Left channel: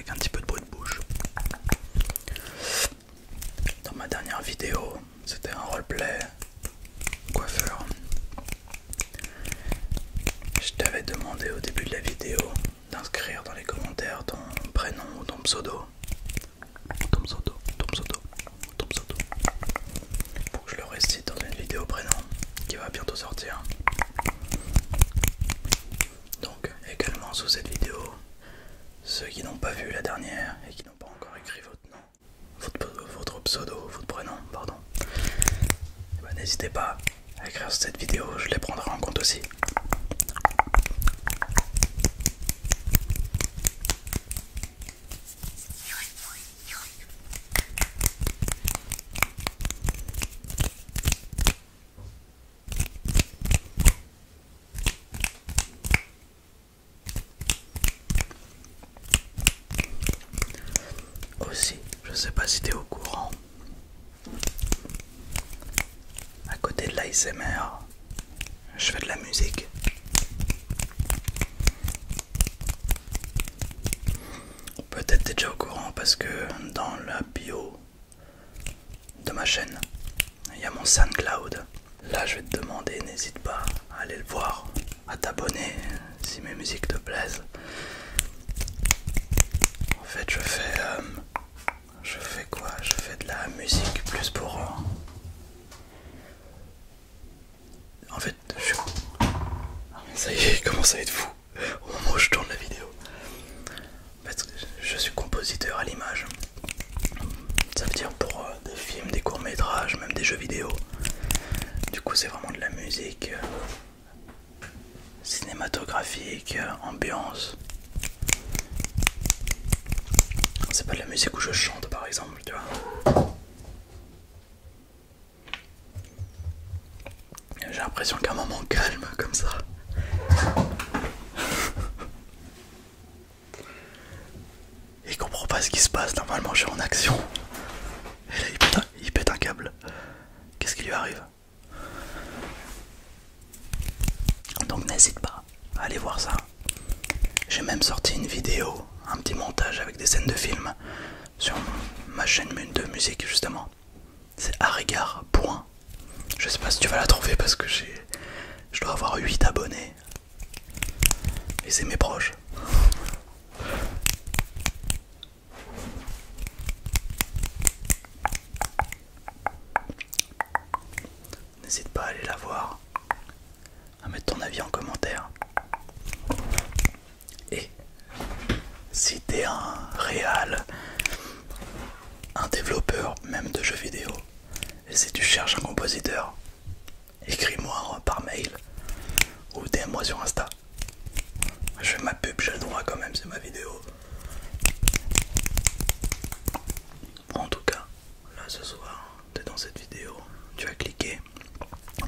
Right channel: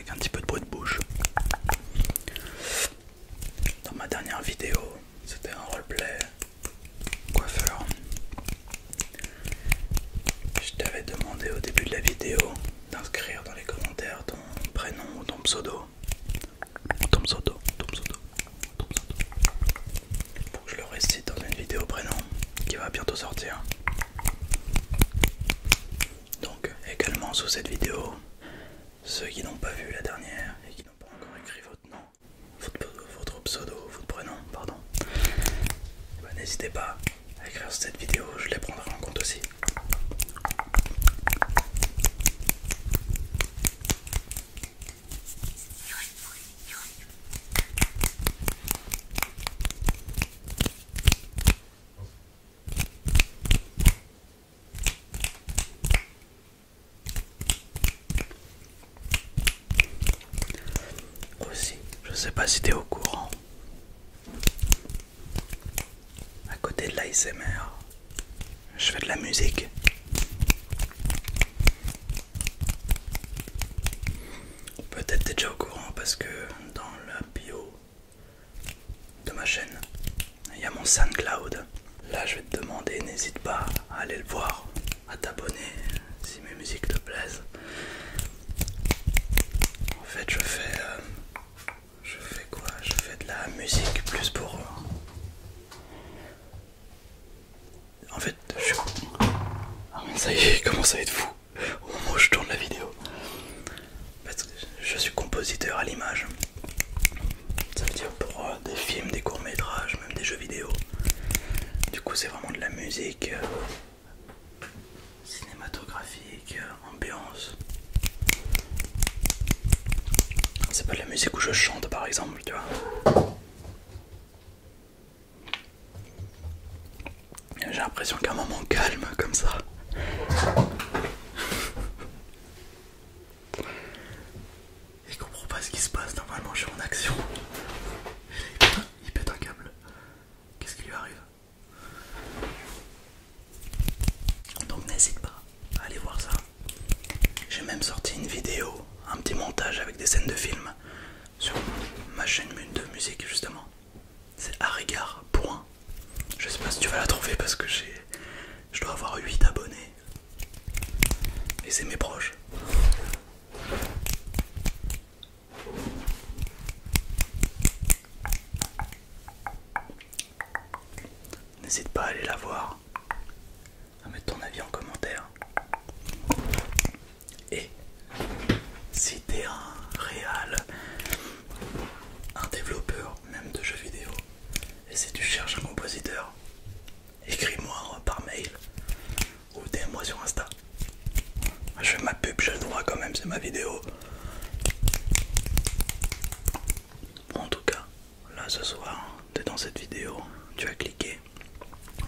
avec un petit peu de bruit de bouche. Dans ma dernière vidéo, c'était un roleplay coiffeur. Je t'avais demandé au début de la vidéo d'inscrire dans les commentaires ton prénom ou ton pseudo. Ton pseudo, ton pseudo, ton pseudo. Pour que je le récite dans une vidéo prénom qui va bientôt sortir. Donc également sous cette vidéo, ceux qui n'ont pas vu la dernière et qui n'ont pas encore écrit votre nom, votre pseudo, votre prénom, pardon, n'hésitez pas à écrire sur cette vidéo, je les prendrai en compte aussi. Aussi, je sais pas si tu es au courant, à côté de l'ASMR, je fais de la musique. Peut-être t'es déjà au courant parce que dans la bio de ma chaîne, il y a mon SoundCloud. Là je vais te demander, n'hésite pas à aller le voir, à t'abonner si mes musiques te plaisent. En fait je fais quoi? Je fais de la musique plus pour... En fait, ça y est, il commence à être fou au moment où je tourne la vidéo. En fait, je suis compositeur à l'image. Ça veut dire pour des films, des courts-métrages, même des jeux vidéo. Du coup, c'est vraiment de la musique cinématographique, ambiance. C'est pas de la musique où je chante par exemple, tu vois. J'ai l'impression qu'un moment calme comme ça. Il comprend pas ce qui se passe, normalement je suis en action. Et là il pète un câble. Qu'est-ce qui lui arrive? Donc n'hésite pas à aller voir ça. J'ai même sorti une vidéo, un petit montage avec des scènes de film sur ma chaîne de musique justement. C'est Arigard. Je sais pas si tu vas la trouver parce que je dois avoir 8 abonnés. Et c'est mes proches. N'hésite pas à aller la voir, à mettre ton avis en commentaire. Et si t'es un réal, un développeur même de jeux vidéo, et si tu cherches un compositeur, écris-moi par mail ou DM-moi sur Insta. Je fais ma pub, j'ai le droit quand même, c'est ma vidéo. En tout cas, là ce soir, t'es dans cette vidéo, tu vas cliquer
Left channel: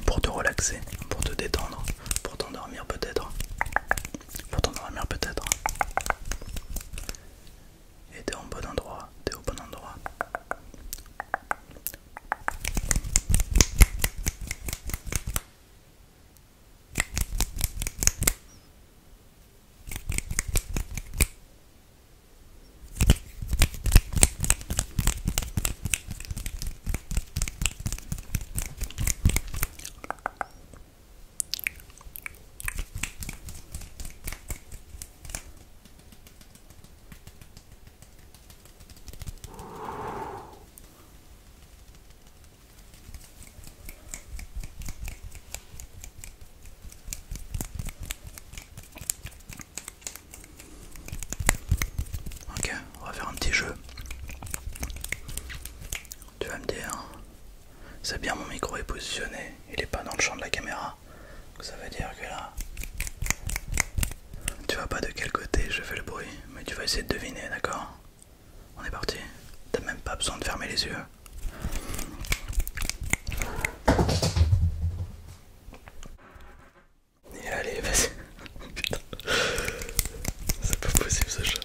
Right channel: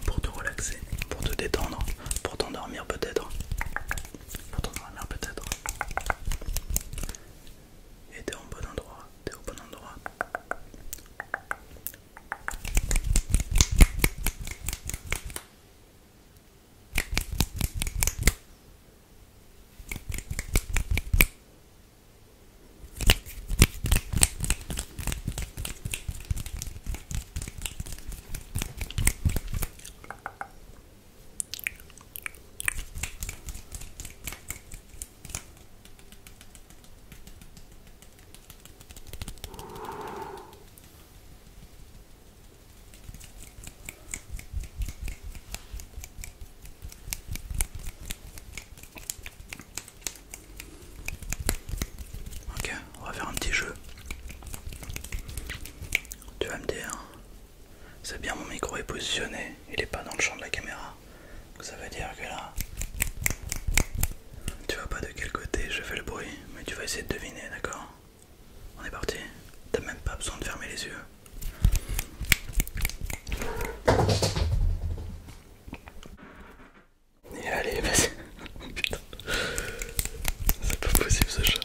pour te relaxer, pour te détendre, pour t'endormir peut-être. Pour t'endormir peut-être. Et t'es en bon endroit, t'es au bon endroit. Ok, on va faire un petit jeu. Tu vas me dire, c'est bien, mon micro est positionné, il est pas dans le champ de la caméra. Donc ça veut dire que là, tu vois pas de quel côté je fais le bruit, mais tu vas essayer de deviner, d'accord? On est parti. T'as même pas besoin de fermer les yeux. Et allez, vas-y. Putain. C'est pas possible ce chat.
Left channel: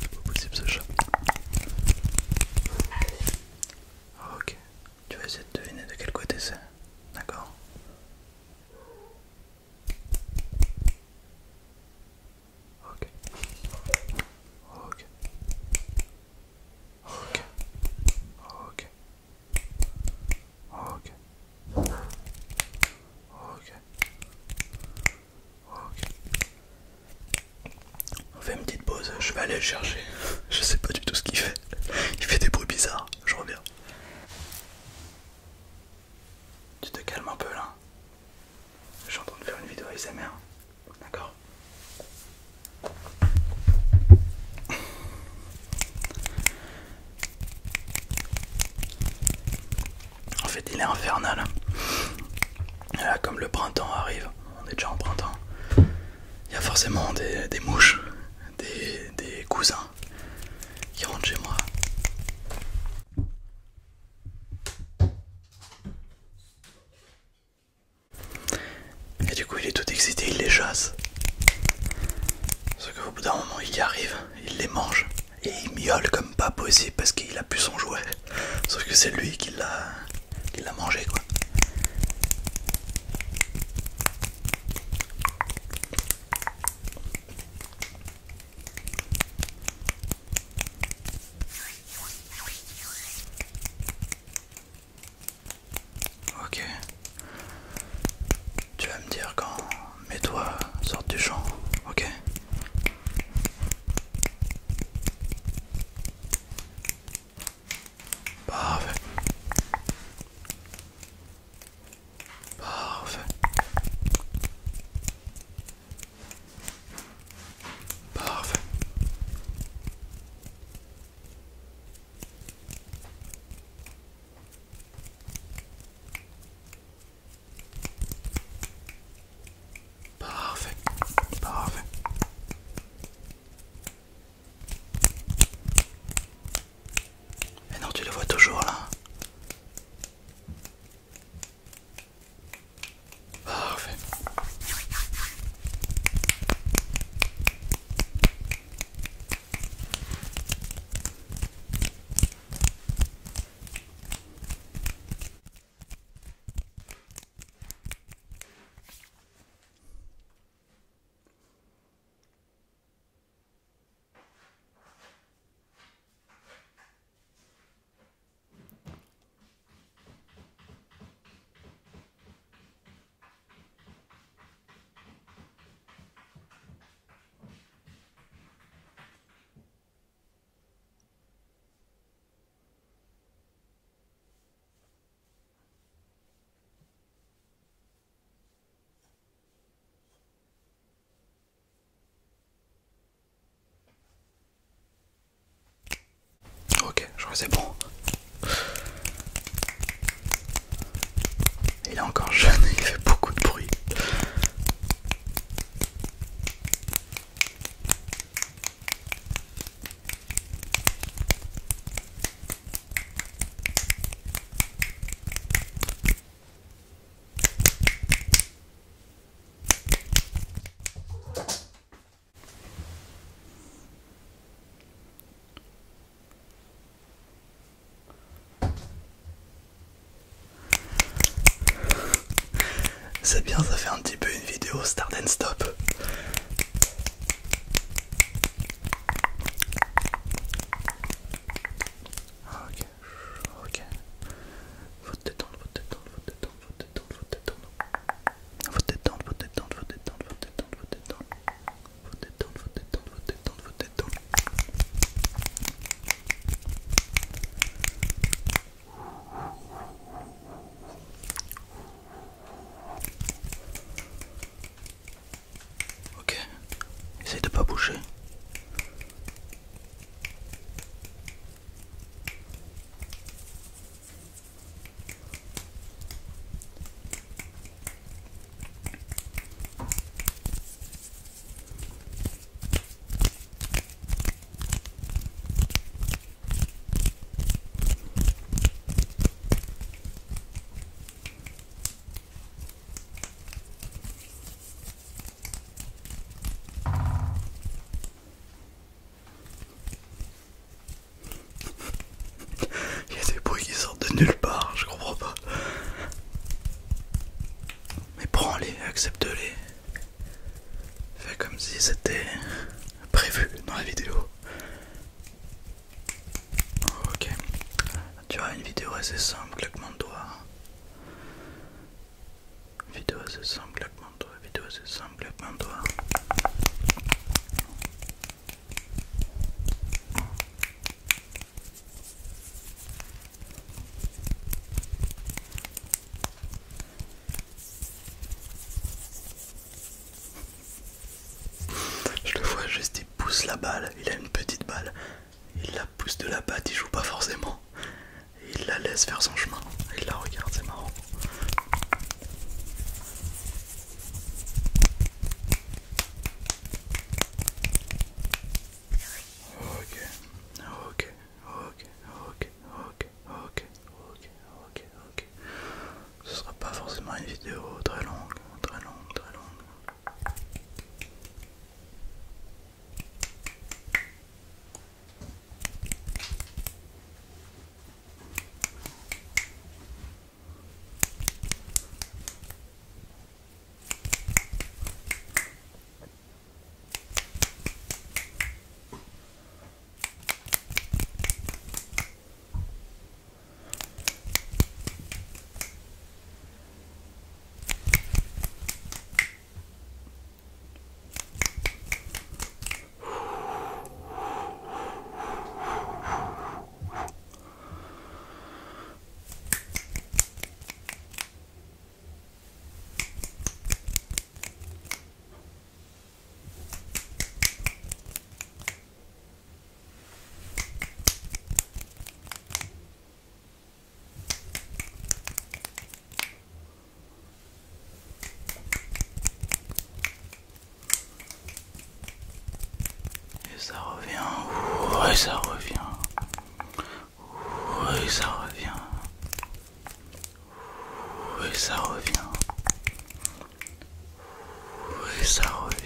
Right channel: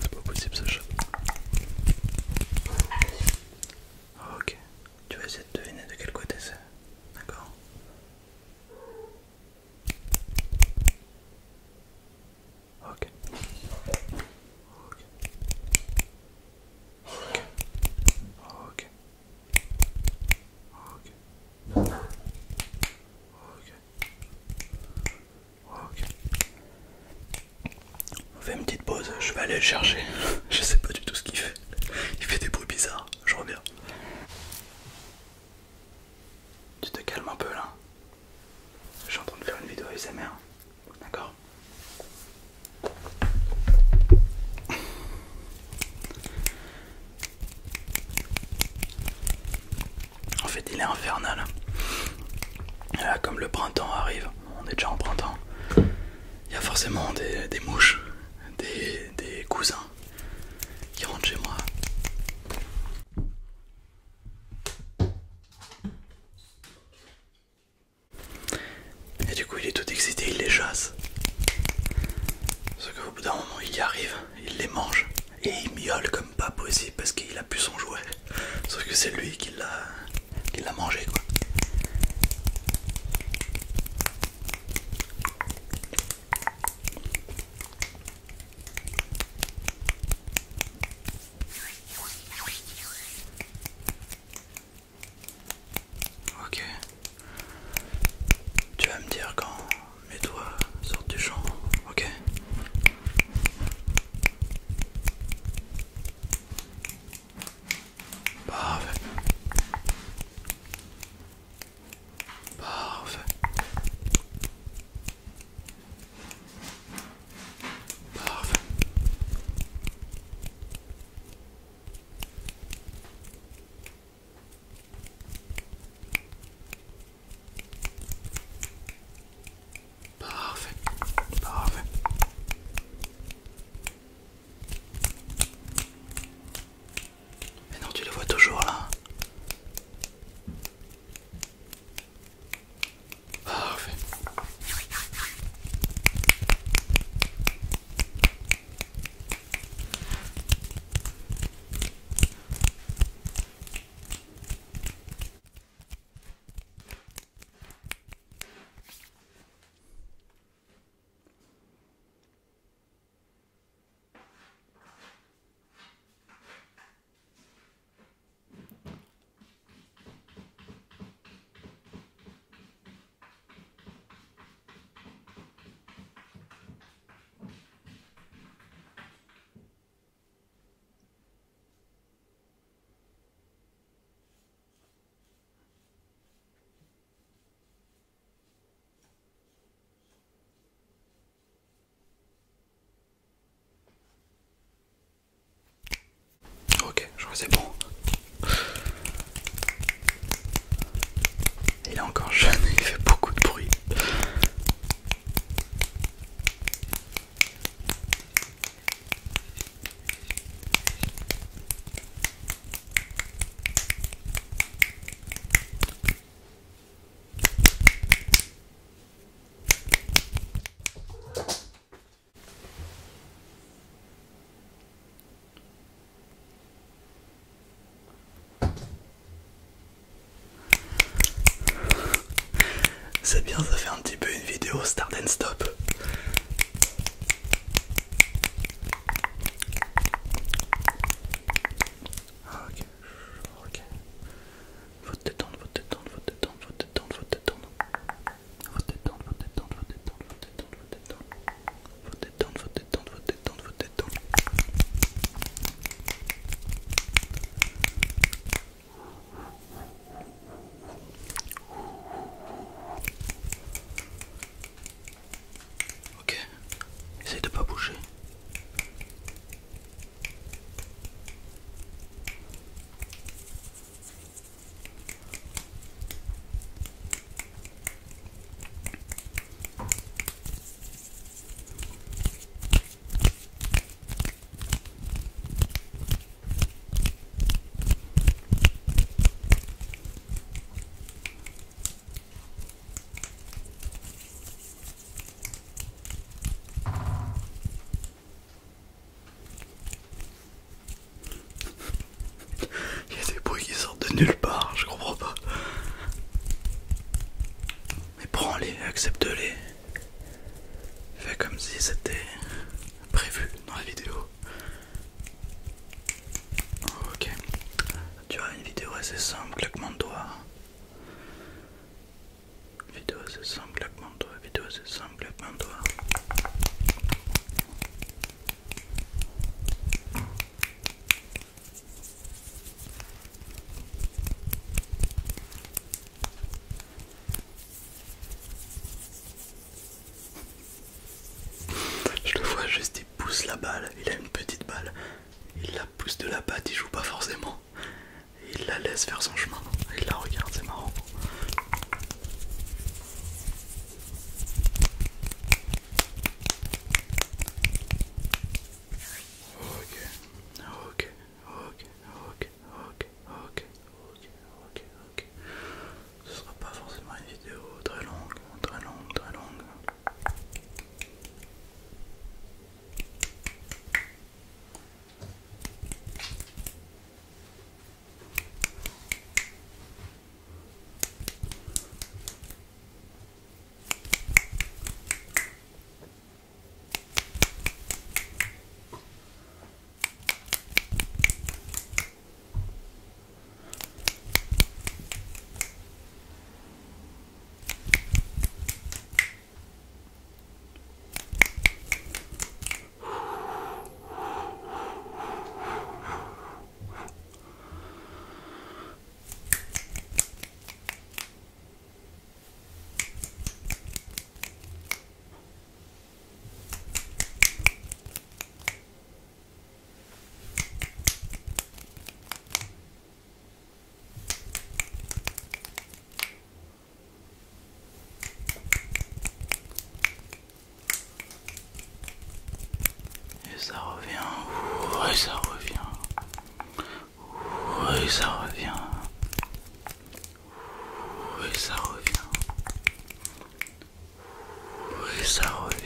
C'est pas possible ce chat. Ok. Tu vas essayer de deviner de quel côté c'est. D'accord? Ok. Ok. aller le chercher. Je sais pas du tout ce qu'il fait. Il fait des bruits bizarres. Je reviens. Tu te calmes un peu là. Je suis en train de faire une vidéo ASMR. D'accord? En fait, il est infernal. Et là, comme le printemps arrive, on est déjà en printemps, il y a forcément des mouches, des cousins qui rentrent chez moi. Et du coup, il est tout excité, il les chasse. Sauf qu'au bout d'un moment, il y arrive, il les mange. Et il miaule comme pas possible parce qu'il a plus son jouet. Sauf que c'est lui qui l'a mangé, quoi. Ok. Tu vas me dire quand mes doigts sortent du champ, ok? Parfait. Parfait. Parfait. Parfait. Parfait. Et non, tu les vois toujours là. Parfait. Ok, je crois que c'est bon. Il est encore jeune et il fait beaucoup de bruit. C'est bien, ça fait un petit peu une vidéo start and stop. Ok, ok. Faut te détendre, faut te détendre, faut te détendre, faut te détendre, faut te détendre. Faut te détendre, faut te détendre, faut te détendre, faut te détendre, faut te détendre. Faut te détendre, faut te détendre, faut te détendre, faut te détendre. Ok, essaye de pas bouger. Il y a des bruits qui sortent de nulle part, je comprends pas. Mais prends-les, accepte-les. Fais comme si c'était prévu dans la vidéo. Ok. Tu as une vidéo assez simple, claquement de doigts. Vidéo assez simple, claquement de doigts. Vidéo assez simple, claquement de doigts. balle, il a une petite balle, il la pousse de la patte, il joue pas forcément, il la laisse faire son chemin, il la regarde, c'est marrant. Ok, ok, ok, ok, ok, ok, ok, ok, ok. Ce sera pas forcément une vidéo très longue, très longue, très longue. Et ça revient, ouais ça revient, oui ça revient, oui ça revient, oui ça revient.